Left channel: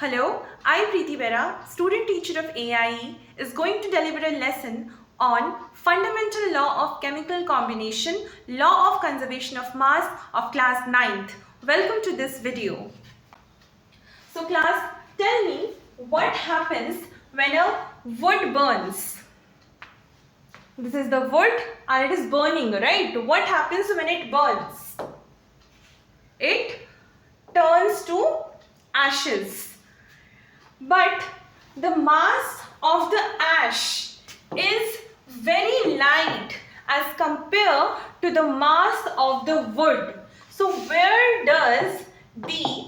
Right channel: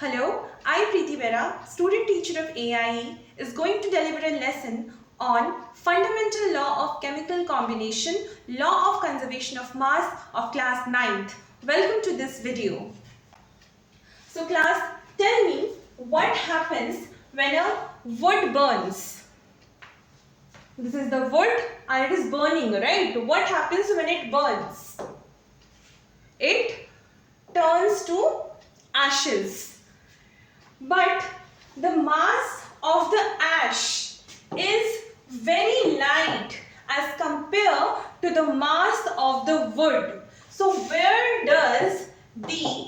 Hello, I Preeti Vera, student teacher of AIE, is going to deliver a lesson on fundamental law of chemical combination, law of conservation of mass of class 9th. Welcome to this video. So class, tell me what happens when a wood burns. This is the wood and it is burning, right? What happens when it burns? It turns to ashes. But the mass of the ash is very light as compared to the mass of the wood. So where does the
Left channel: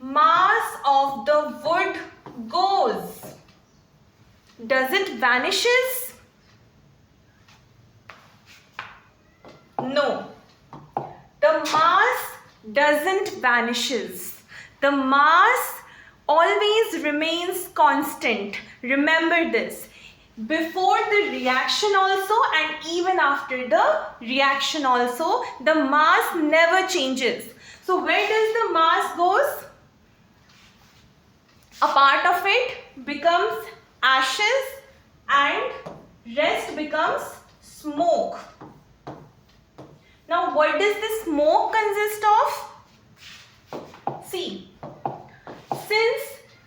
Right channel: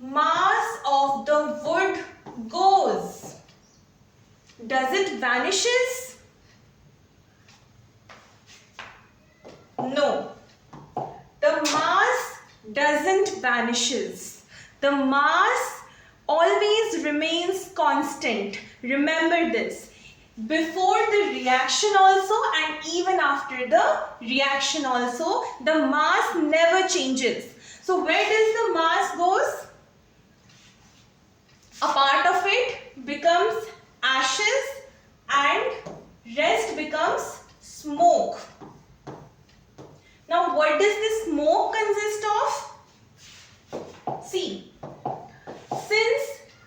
mass of the wood goes? Does it vanishes? No. The mass doesn't vanishes. The mass always remains constant. Remember this. Before the reaction also and even after the reaction also, the mass never changes. So where does the mass goes? A part of it becomes ashes and rest becomes smoke. Now what does the smoke consist of? See, since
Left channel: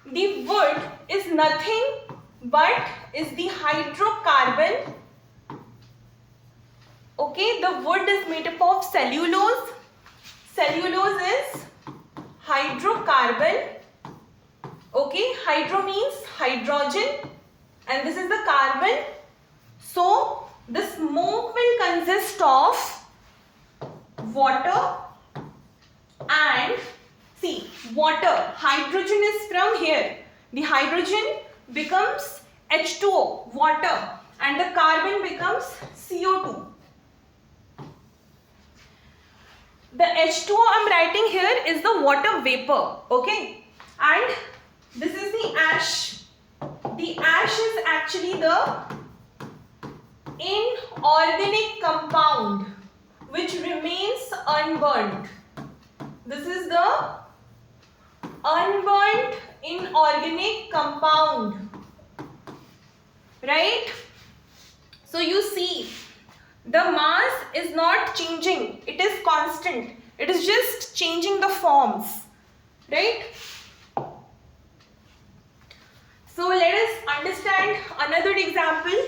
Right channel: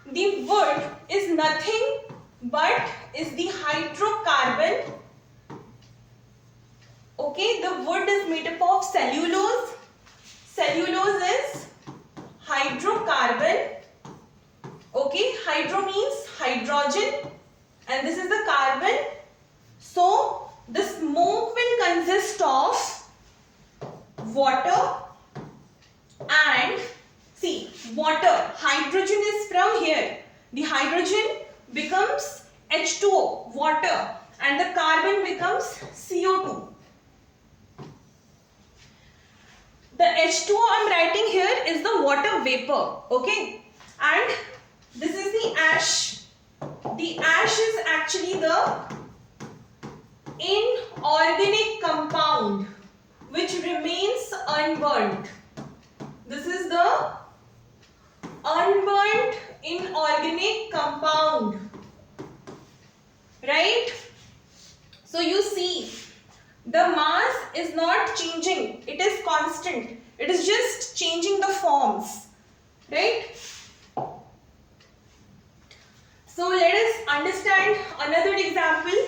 the wood is nothing but is the hydrocarbon, okay, the wood is made up of cellulose. Cellulose is hydrocarbon, okay, hydro means hydrogen and this is the carbon. So, the smoke will consist of water and see, water, hydrogen is from here. The hydrogen becomes H2O, water, and the carbon becomes CO2. The H2O I'm writing here is the water vapor, okay? And this is the ash. The ash is actually the inorganic compound which remains unburnt. This is the unburnt inorganic compound, right? So you see the mass is not changing, it is constant, it is just changing the forms, right? So let us understand another example.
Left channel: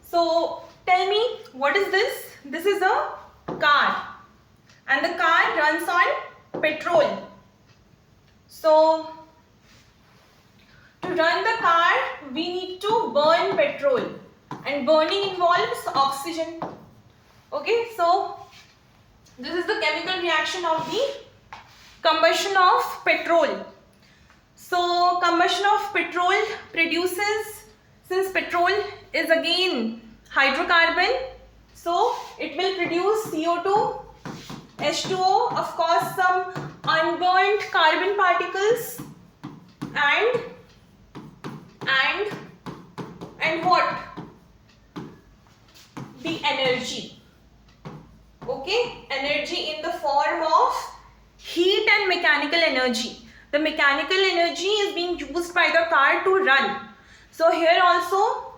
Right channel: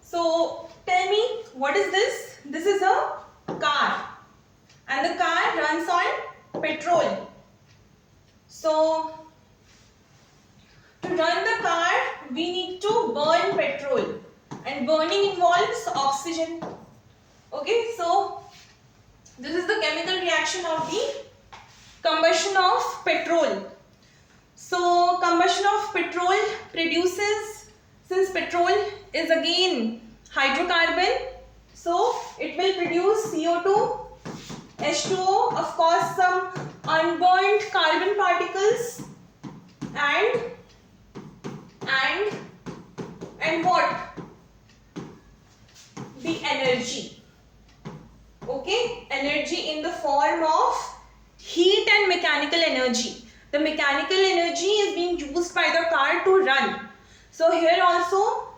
So tell me, what is this? This is a car and the car runs on petrol. So to run the car we need to burn petrol and burning involves oxygen. Okay, so this is the chemical reaction of the combustion of petrol. So combustion of petrol produces, since petrol is again hydrocarbon, so it will produce CO2, H2O, of course some unburnt carbon particles and what? The energy. Okay, energy in the form of heat and mechanical energy. The mechanical energy is being used by the car to run. So here also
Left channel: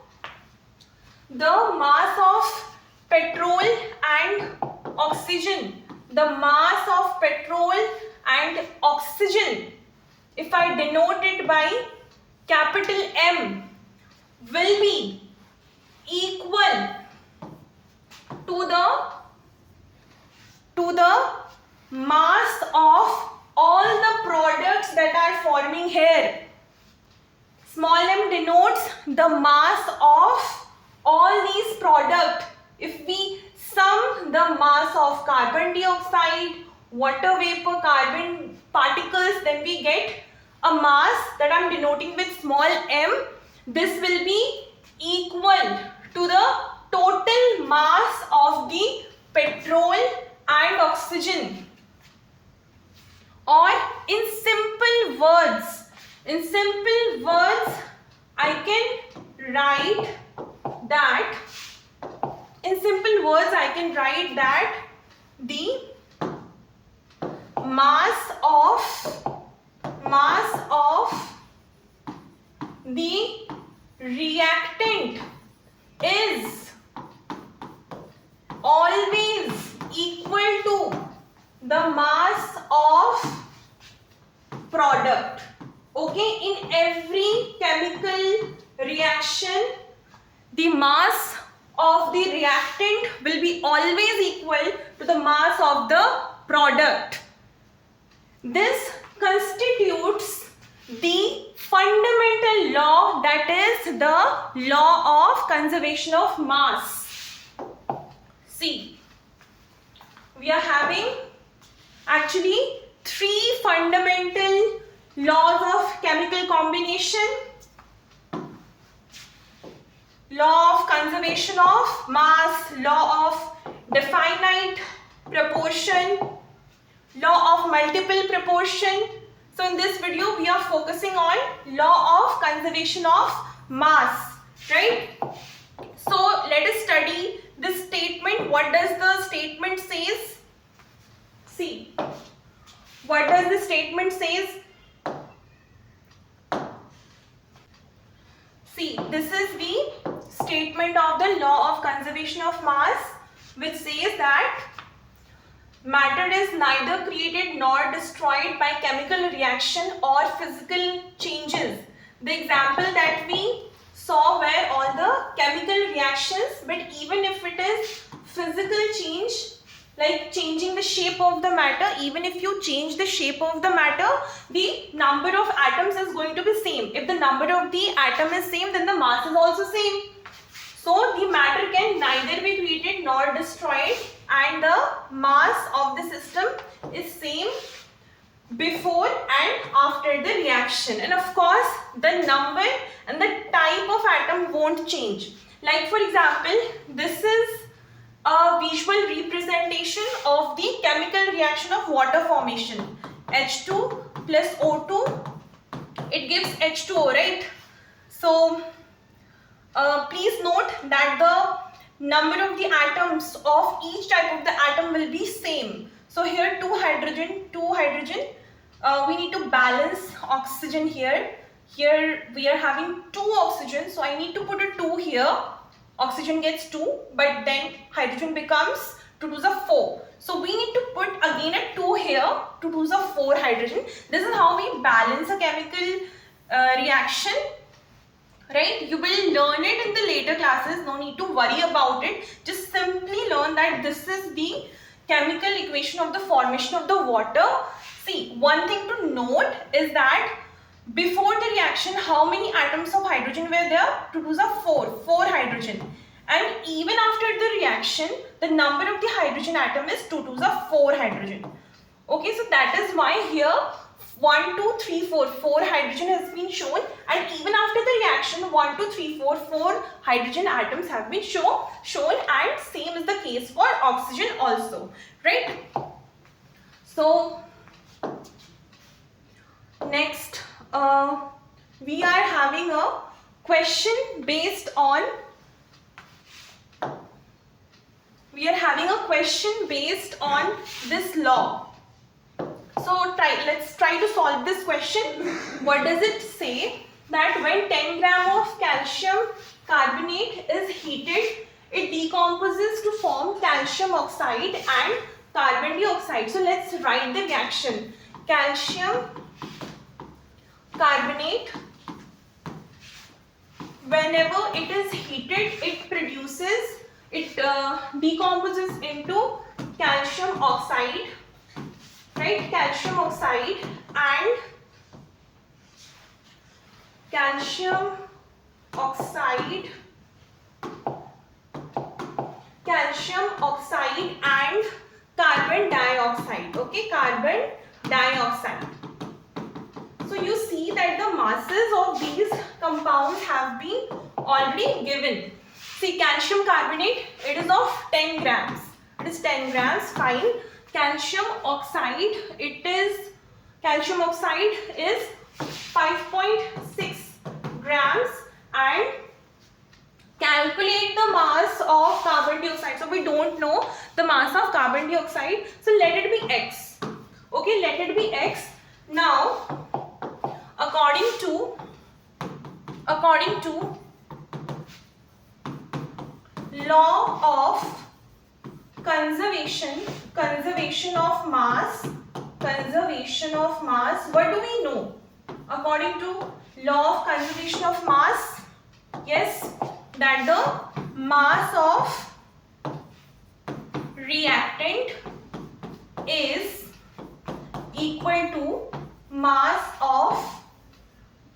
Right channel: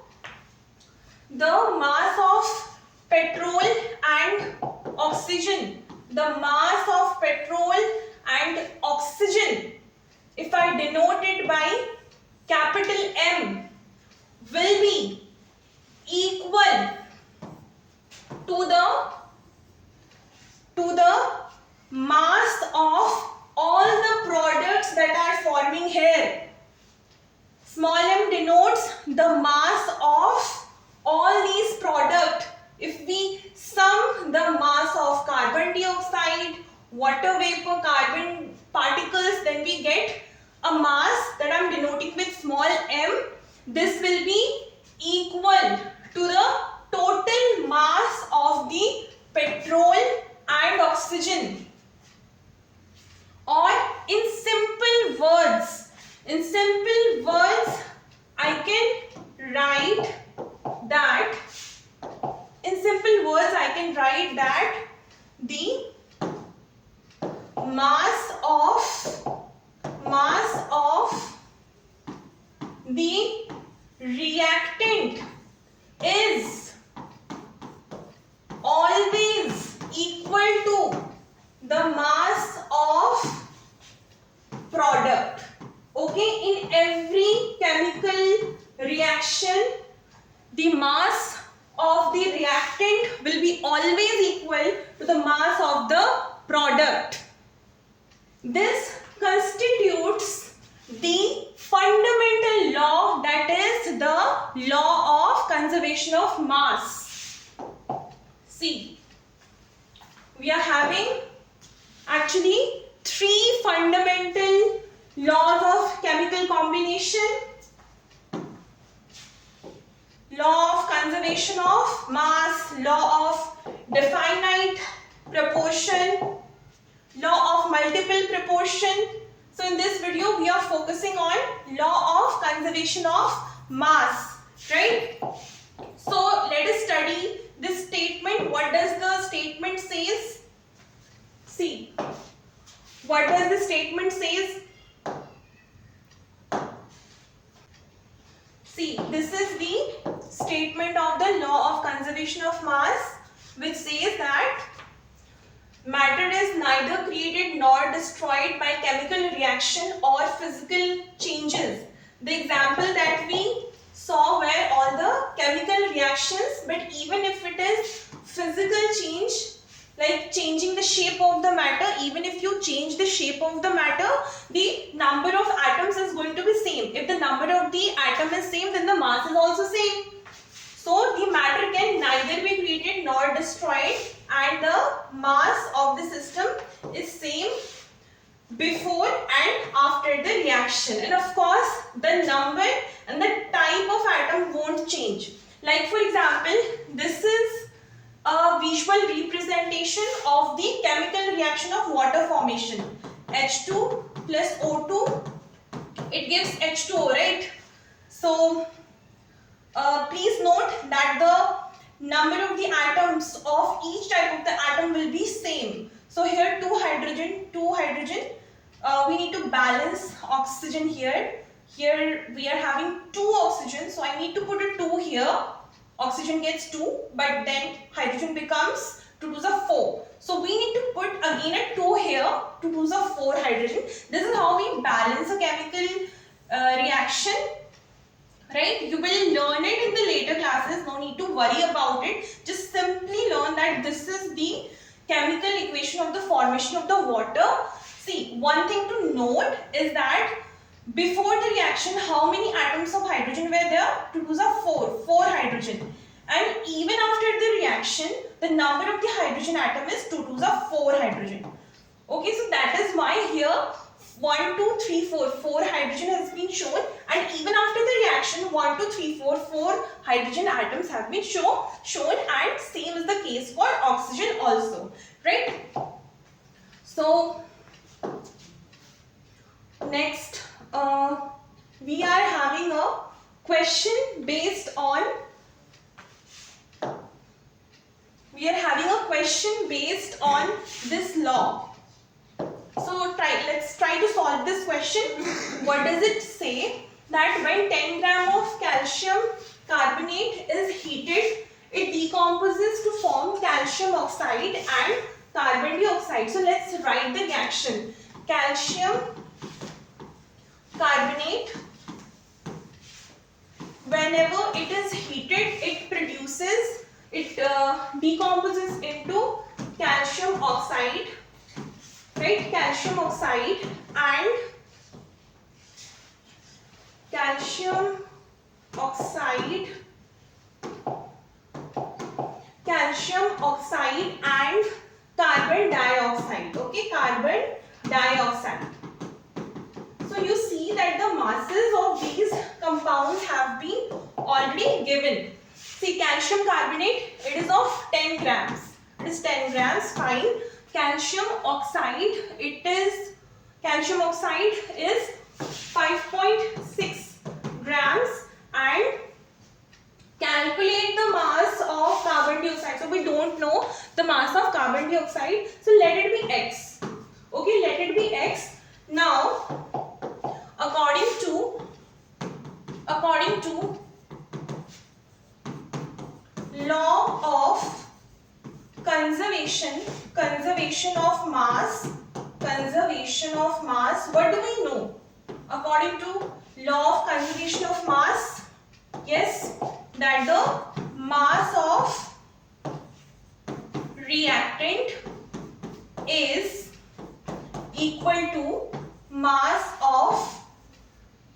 the mass of petrol and oxygen, the mass of petrol and oxygen, if I denote it by capital M, will be equal to the mass of all the products that are forming here. Small m denotes the mass of all these products. If we sum the mass of carbon dioxide, water vapor, carbon particles, then we get a mass that I am denoting with small m. This will be equal to the total mass of the petrol and oxygen. Or in simple words, I can write that in In simple words, I can write that the mass of the reactant is always equal to the mass of product. Okay, in every chemical reaction, the mass of the reactant will be always equal to the mass of the product. This constitutes the fundamental law, that is the law of conservation of mass. See, we are having actually three fundamental laws of chemical combination: law of conservation of mass, law of definite proportion, law of multiple proportion. So in this video we are focusing on law of conservation of mass, right? So let us study this statement. What does the statement says? See, what does the statement says? See, this is the statement of the law of conservation of mass, which says that matter is neither created nor destroyed by chemical reaction or physical changes. The example that we saw were all the chemical reactions, but even if it is physical change, like changing the shape of the matter, even if you change the shape of the matter, the number of atoms is going to be same. If the number of the atom is same, then the mass is also same. So the matter can neither be created nor destroyed, and the mass of the system is same before and after the reaction. And of course, the number and the type of atom won't change. Like for example, this is a visual representation of the chemical reaction of water formation. H2 plus O2, it gives H2O, right? So please note that the number of the atoms of each type of the atom will be same. So here two hydrogen, we need to balance oxygen here. Here we are having 2 oxygen, so I need to put a 2 here. Oxygen gets 2, but then hydrogen becomes 2 to the 4. So we need to put again a 2 here, 2 to the 4 hydrogen. This is how we balance a chemical reaction. Right? You will learn it in the later classes, no need to worry about it. Just simply learn that this is the chemical equation of the formation of the water. See, one thing to note is that before the reaction, how many atoms of hydrogen were there? 2 to the 4 hydrogen. And even after the reaction, the number of the hydrogen atom is 2 to the 4 hydrogen. Okay, so that is why here 1, 2, 3, 4 hydrogen has been shown, and even after the reaction 1, 2, 3, 4 hydrogen atoms have been shown, and same is the case for oxygen also, right? So next we are having a question based on this law. So let's try to solve this question. What does it say? That when 10 gram of calcium carbonate is heated, it decomposes to form calcium oxide and carbon dioxide. So let's write the reaction. Calcium carbonate, whenever it is heated, it decomposes into calcium oxide, right? Calcium oxide and calcium oxide and carbon dioxide. Okay, carbon dioxide. So you see that the masses of these compounds have been already given. See, calcium carbonate, it is of 10 grams. It is 10 grams, fine. Calcium oxide is 5.6 grams, and calculate the mass of carbon dioxide. So we don't know the mass of carbon dioxide. So let it be x. Okay, let it be x. Now, according to law of conservation of mass, what do we know? According to law of conservation of mass, yes, that the mass of reactant is equal to mass of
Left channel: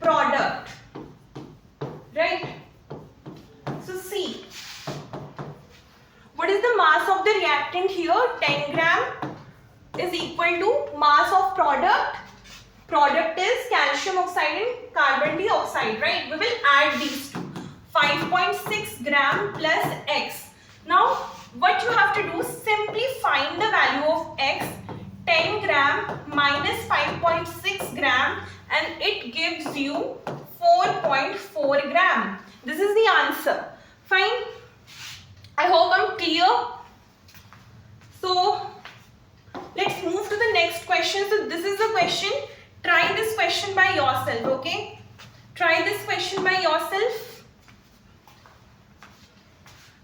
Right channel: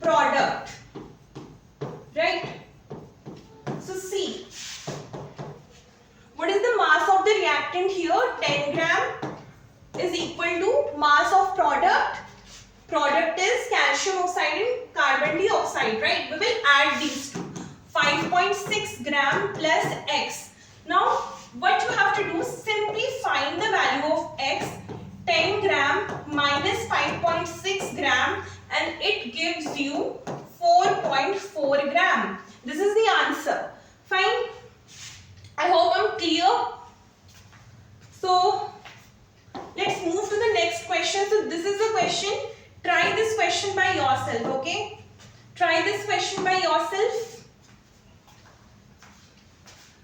product, right? So see, what is the mass of the reactant here? 10 gram is equal to mass of product. Product is calcium oxide and carbon dioxide, right? We will add these two. 5.6 gram plus x. Now, what you have to do is simply find the value of x. 10 gram minus 5.6 gram, and it gives you 4.4 gram. This is the answer. Fine. I hope I'm clear. So, let's move to the next question. So, this is the question. Try this question by yourself, okay? Try this question by yourself.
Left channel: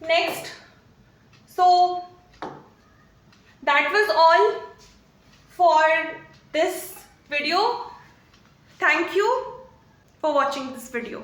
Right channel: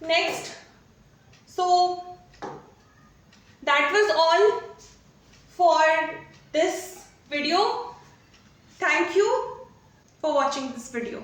Next. So, that was all for this video. Thank you for watching this video.